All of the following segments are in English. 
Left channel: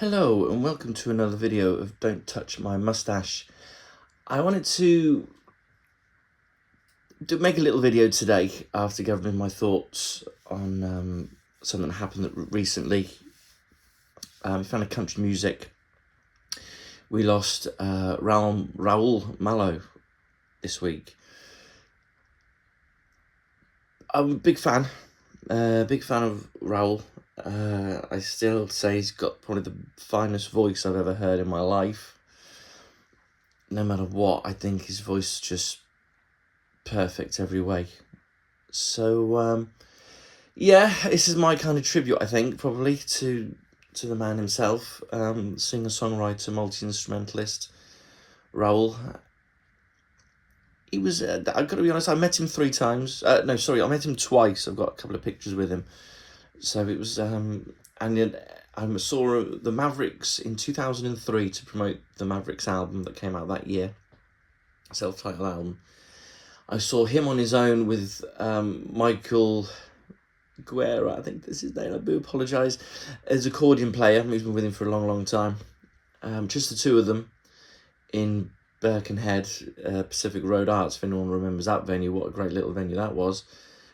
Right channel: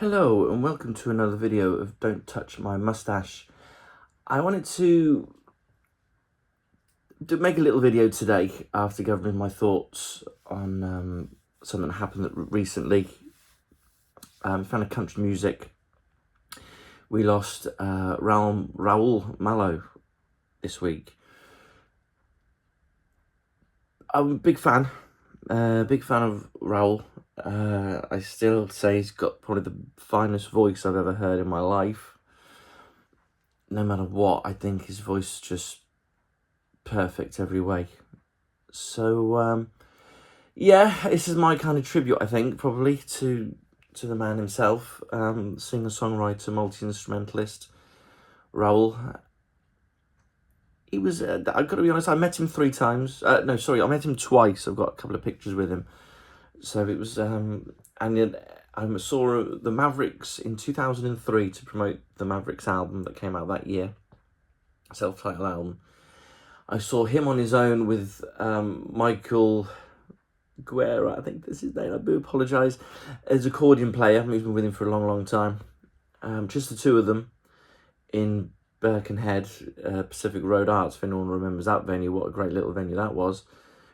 Hello and welcome to another video of Don't Touch My Mustache. I wanted to make a little video today after gathering my thoughts on something that happened recently. We found a country music. We lost Raul Malo this week. I'm a big fan of Raul. I still say he's got probably the finest voice I've ever heard in my life. No matter what, I think his voice is just perfect every way. So yeah, this is my kind of tribute, I think, probably to the man himself, singer-songwriter, multi-instrumentalist, Raul. He was, I've got to be honest, I met him 3 times. I met him twice. I've got a couple of pictures with him. So it was, and then I saw the Mavericks in 2003 to promote the Mavericks album that came out that year, self-titled album. I saw him on his own with Michael Guerra, I think that's his name, I do apologise, as accordion player. He's been with him for a long, long time. Just the two of them in Birkenhead, Pacific Road Arts, if anyone remembers that venue. What a great little venue that was,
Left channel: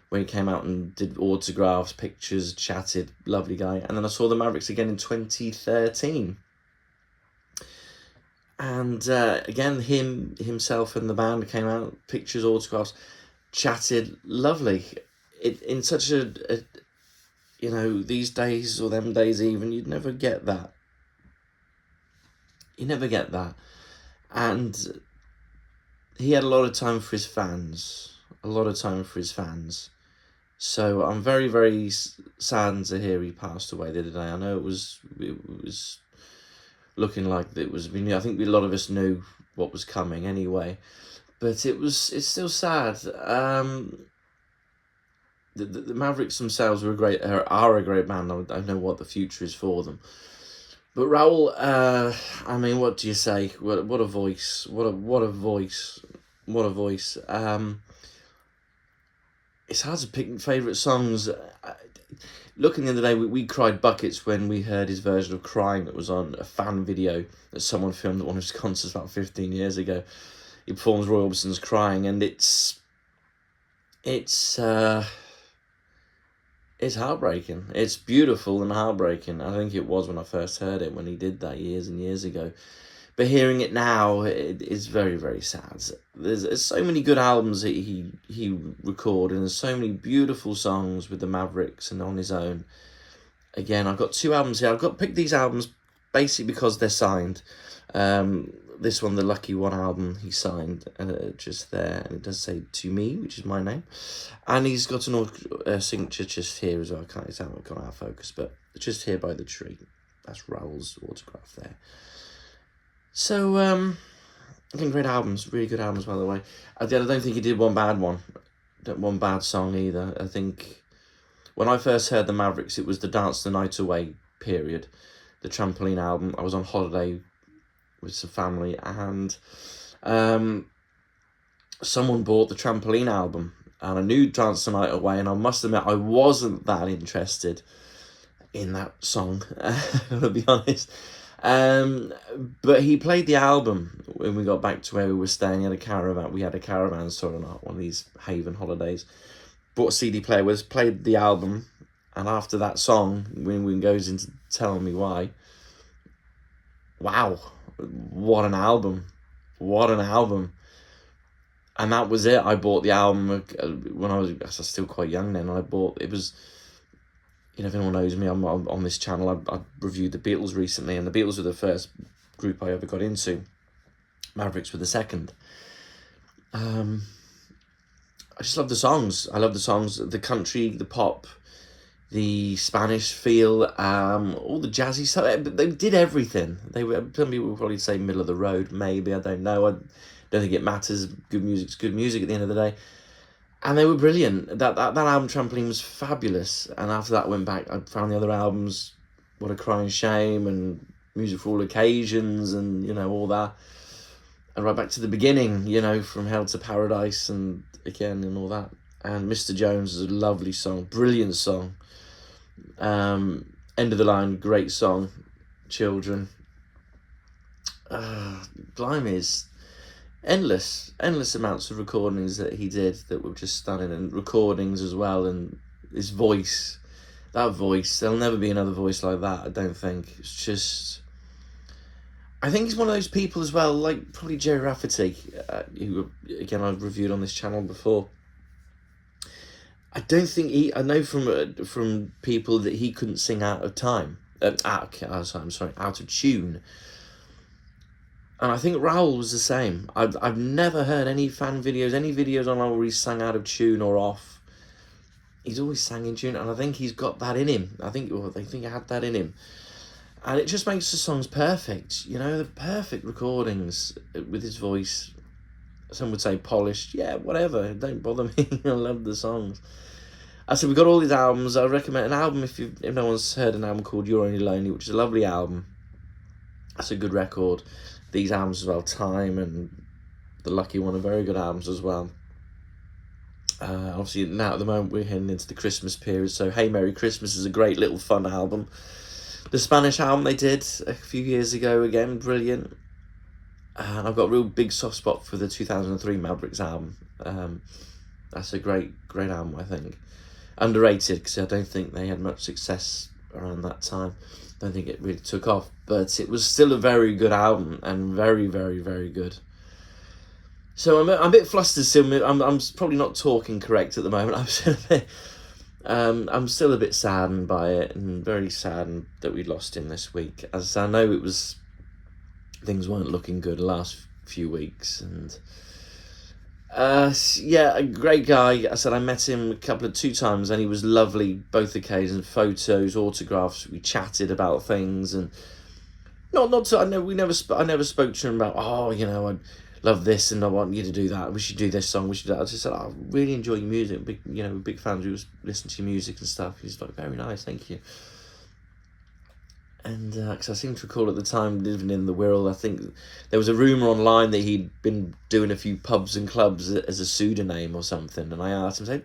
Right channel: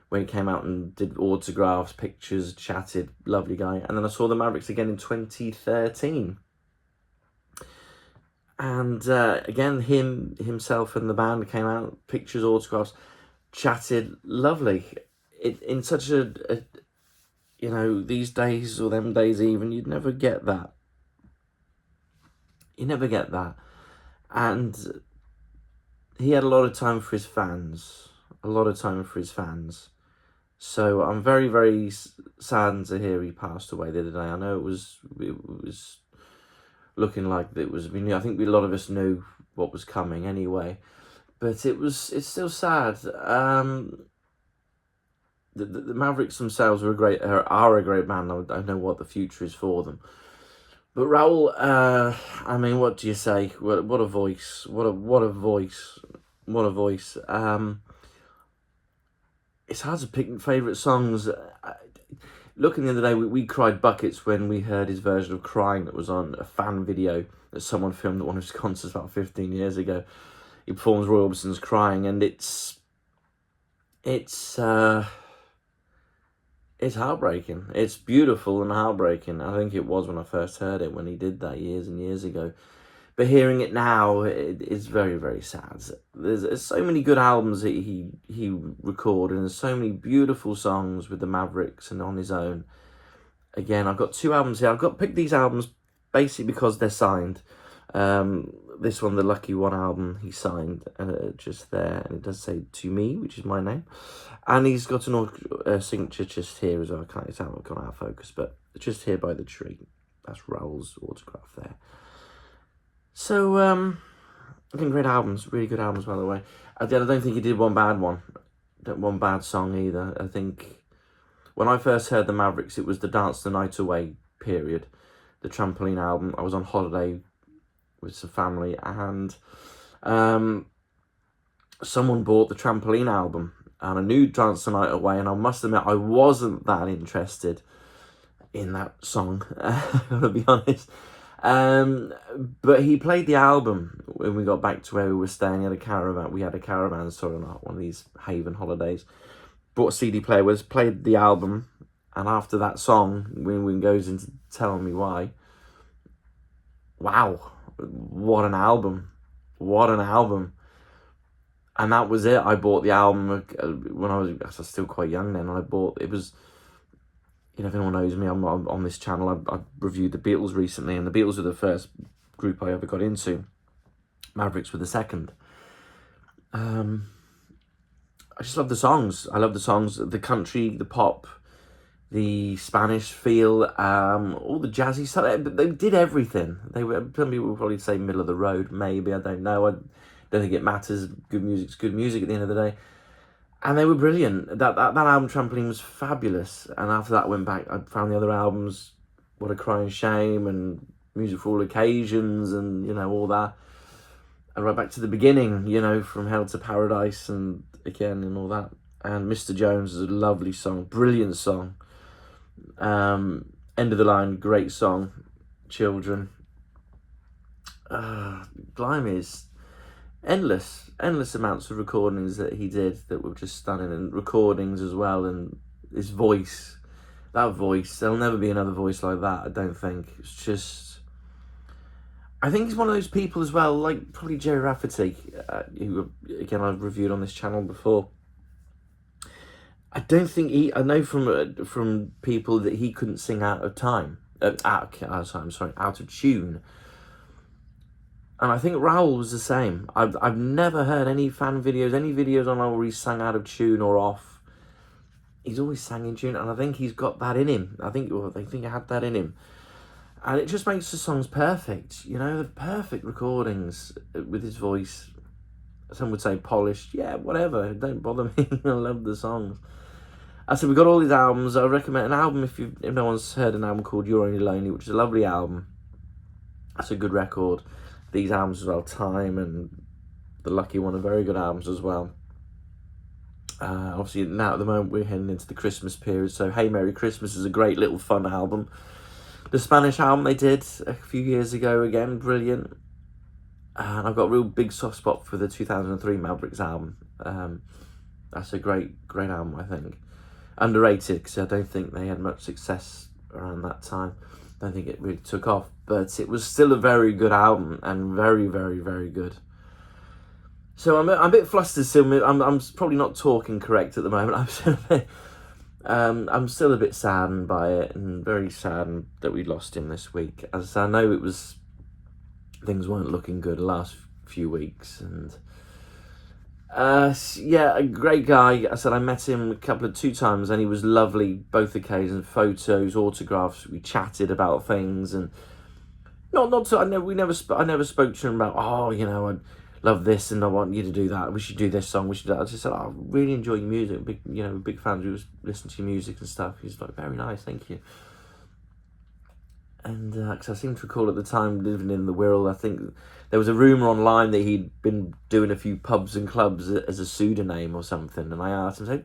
where he came out and did autographs, pictures, chatted, lovely guy. And then I saw the Mavericks again in 2013. And again, himself and the band came out, pictures, autographs, chatted, lovely. In such a these days, or them days even, you'd never get that. You never get that. And he had a lot of time for his fans. So I'm very, very saddened to hear he passed away the other day. I know it was looking like it was. I think a lot of us knew what was coming anyway, but it's still sad. The Mavericks themselves are a great band. I know what the future is for them. But Raul, I mean, what do you say? What a voice! What a voice! What a voice! It's hard to pick favourite songs. Looking the other day, we cried buckets when we heard his version of "Crying" that was on a fan video that someone filmed at one of his concerts about 15 years ago. He performs Roy Orbison's "Crying," and it's heartbreaking. It's beautiful and heartbreaking. I think it was when I first heard it, when he did that years and years ago. But hearing it now, it is very, very sad. There's so many good albums that he recorded, and there's so many beautiful songs with the Mavericks and on his own. Again, I've got 2 albums here. I've got picked these albums basically because they're signed. This one, the Lucky One album, he signed just there, and it does say "To Me," which is my name, and he's got an signature just here as well. It's gone out of focus, but just here by the tree. That's Raul's autograph there. So I think great albums, really good albums, by the way. I don't think he did one bad song either. I think when I first heard the Mavericks, it was the Dance the Night Away period, the Trampoline album. I was on holiday with some family, and someone bought the Trampoline album, and I knew Dance the Night Away, and I must admit I wasn't that interested in that song, to be honest. But he played the album when we got back to where we were staying. We had a caravan, sorry, on one of these haven holidays. Brought a CD player with us, played the album, and after that song, when goes into telling me why, wow, what an album. And that was it. I bought the album when I was still quite young then. It was, if anyone knows me, I'm on this channel. I reviewed the Beatles recently, and the Beatles were the first group I ever got into. Mavericks were the second. I just love the songs. I love the songs, the country, the pop, the Spanish feel, all the jazzy stuff. They did everything. Some people would probably say middle of the road, maybe, I don't know. I don't think it matters. Good music's good music at the end of the day. And they were brilliant. That album, Trampoline, was fabulous. And after that, I went back, I found the other albums, What a Crying Shame, and Music for All Occasions, and, all that. And right back to the beginning, From Hell to Paradise, and again, and all that. And Mr. Jones is a lovely song, brilliant song. End of the Line, great song. children. Blimey, is endless amounts of recordings that he did that were just stunning, and recordings as well, and his voice, that voice, there'll never be another voice like that, I don't think. It's just, I think he's one of those people as well, like probably Jerry Rafferty, who again I've reviewed on this channel before. I don't think I know from people that he couldn't sing out of time, out of tune. And I think Raul was the same. I've never heard any fan videos, any videos on where he sang out of tune or off. He's always sang in tune, and I think he's got that in him. They think he had that in him. And it just makes the songs perfect, you know, the perfect recordings with his voice. Some would say polished, yeah, whatever, don't bother me, I love the songs. I said, we've got all these albums. I recommend an album if no one's heard an album called You're Only Lonely, which is a lovely album. That's a good record. These albums as well, Time and The Lucky One, are very good albums as well. Obviously now at the moment we're heading into the Christmas period, so Hey Merry Christmas is a great little fun album. The Spanish album they did a few years ago, again, brilliant. And I've got a real big soft spot for the 2003 Mavericks album. That's a great album, I think. Underrated, because I don't think they had much success around that time. Don't think it really took off, but it was still a very good album, and very, very, very good. So I'm a bit flustered still. I'm probably not talking correct at the moment. I'm still a bit saddened by it, and very saddened that we lost him this week. As I know things weren't looking good the last few weeks, and yeah, a great guy. I said I met him two times, and he was lovely both occasions. Photos, autographs. We chatted about things, and I never spoke to him about, oh, you know, I love this and I want you to do that. We should do this song. We should do that. I just said, I really enjoy your music. Big fans who was listening to your music and stuff. He's like, very nice, thank you. And because I seem to recall at the time living in the Wirral, I think there was a rumour online that he'd been doing a few pubs and clubs as a pseudonym or something. And I asked him,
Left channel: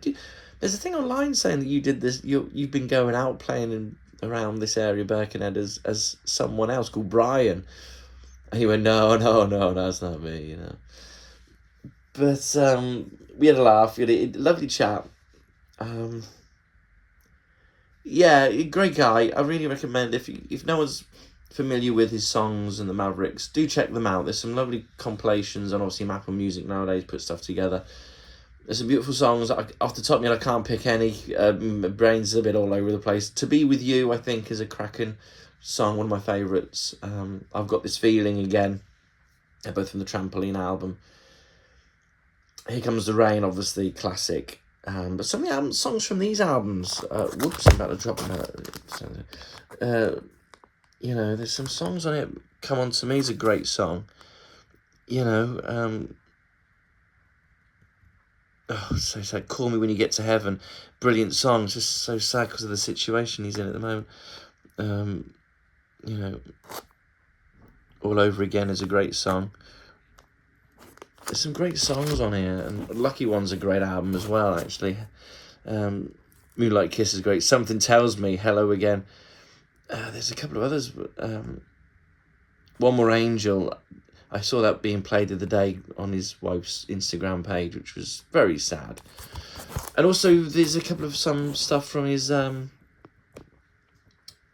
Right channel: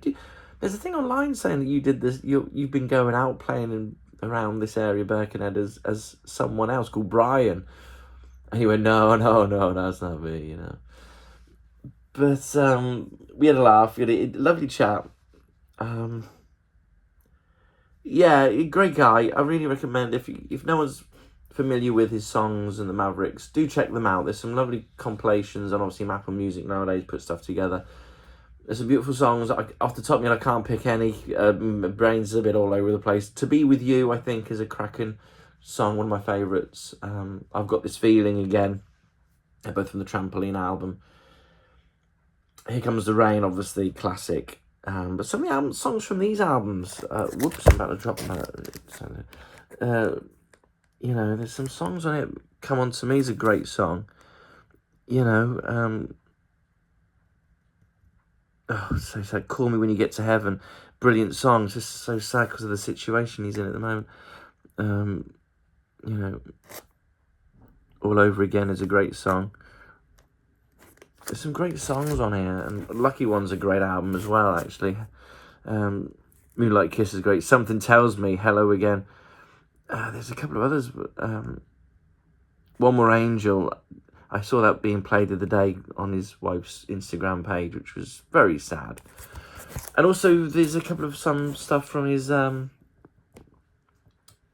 there's a thing online saying that you did this, you've been going out playing around this area, Birkenhead, as someone else called Brian. And he went, no, that's not me, you know. But we had a laugh, we had a lovely chat. Yeah, great guy. I really recommend, if no one's familiar with his songs and the Mavericks, do check them out. There's some lovely compilations, and obviously Apple Music nowadays put stuff together. There's some beautiful songs. Off the top of me, I can't pick any. My brain's a bit all over the place. To Be With You, I think, is a cracking song, one of my favourites. I've Got This Feeling again, both from the Trampoline album. Here Comes the Rain, obviously, classic. But some of the songs from these albums, whoops, I'm about to drop that. You know, there's some songs on it. Come On To Me is a great song. You know, so sad. Call Me When You Get to Heaven, brilliant song. It's just so sad because of the situation he's in at the moment. You know, All Over Again is a great song. There's some great songs on here, and Lucky One's a great album as well, actually. Moonlight Kiss is great. Something Tells Me, Hello Again. There's a couple of others. One More Angel. I saw that being played the other day on his wife's Instagram page, which was very sad. And also, there's a couple of some stuff from his other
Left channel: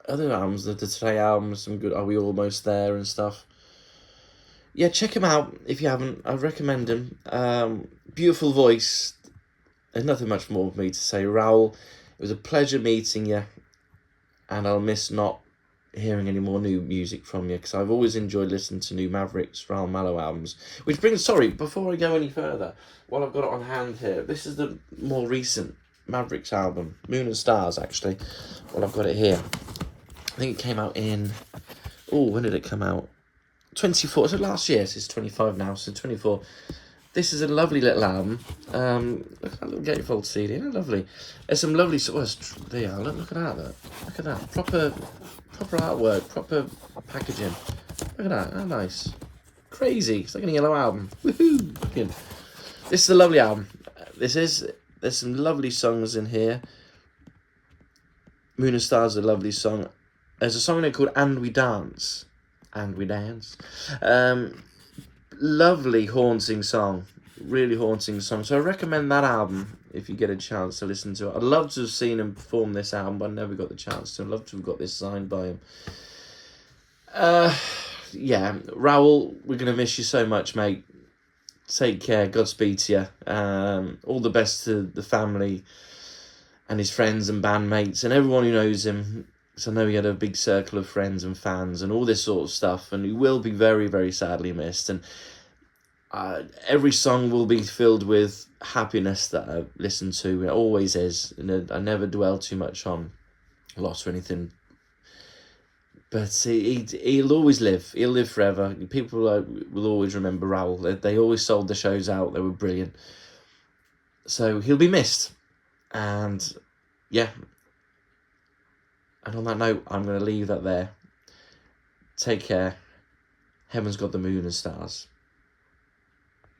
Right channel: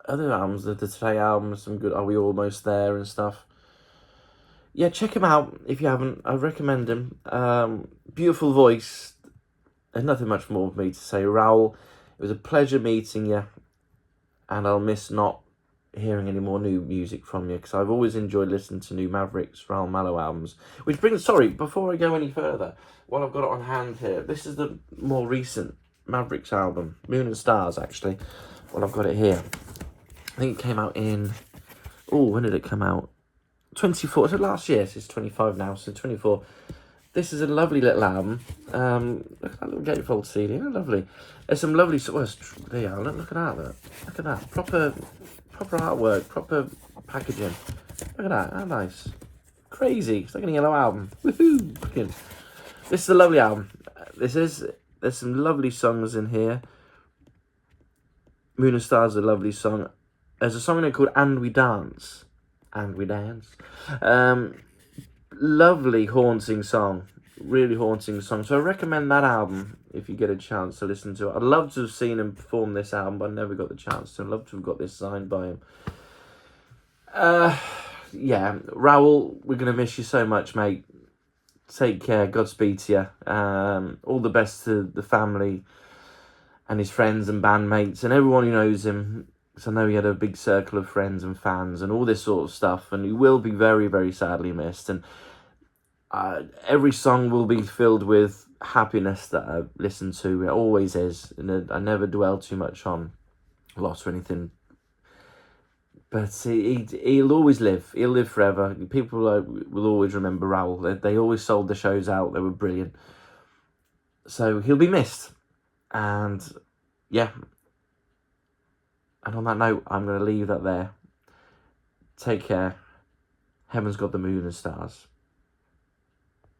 albums, the Today album, some good Are We Almost There and stuff. Yeah, check him out if you haven't. I recommend him. Beautiful voice. There's nothing much more for me to say. Raul, it was a pleasure meeting you, and I'll miss not hearing any more new music from you, because I've always enjoyed listening to new Mavericks, Raul Malo albums. Which brings, sorry, before I go any further, while I've got it on hand here, this is the more recent Mavericks album, Moon and Stars, actually. Well, I've got it here. I think it came out in, when did it come out? 24, so last year, so it's 25 now, so 24. This is a lovely little album. Look at that little gatefold CD, isn't it lovely? There's some lovely, there you are, look at that, look at that, proper artwork, proper packaging. Look at that, how nice. Crazy, it's like a yellow album, woohoo, fucking. This is a lovely album. There's some lovely songs in here. Moon and Stars is a lovely song. There's a song in it called And We Dance. And We Dance. Lovely, haunting song. Really haunting song. So I recommend that album if you get a chance to listen to it. I'd love to have seen him perform this album, but I never got the chance to. I'd love to have got this signed by him. Yeah, Raul, we're going to miss you so much, mate. Take care. Godspeed to you. All the best to the family and his friends and bandmates and everyone who knows him. Because I know he had a big circle of friends and fans and all this sort of stuff. And he will be very, very sadly missed. And every song will be filled with happiness that I listen to. It always is. And I never dwell too much on loss or anything. But he'll always live. He'll live forever. People will always remember Raul. They always sold the shows out. They were brilliant. So he'll be missed. And yeah. And on that note, I'm going to leave that there. Take care. Heaven's got the moon and stars.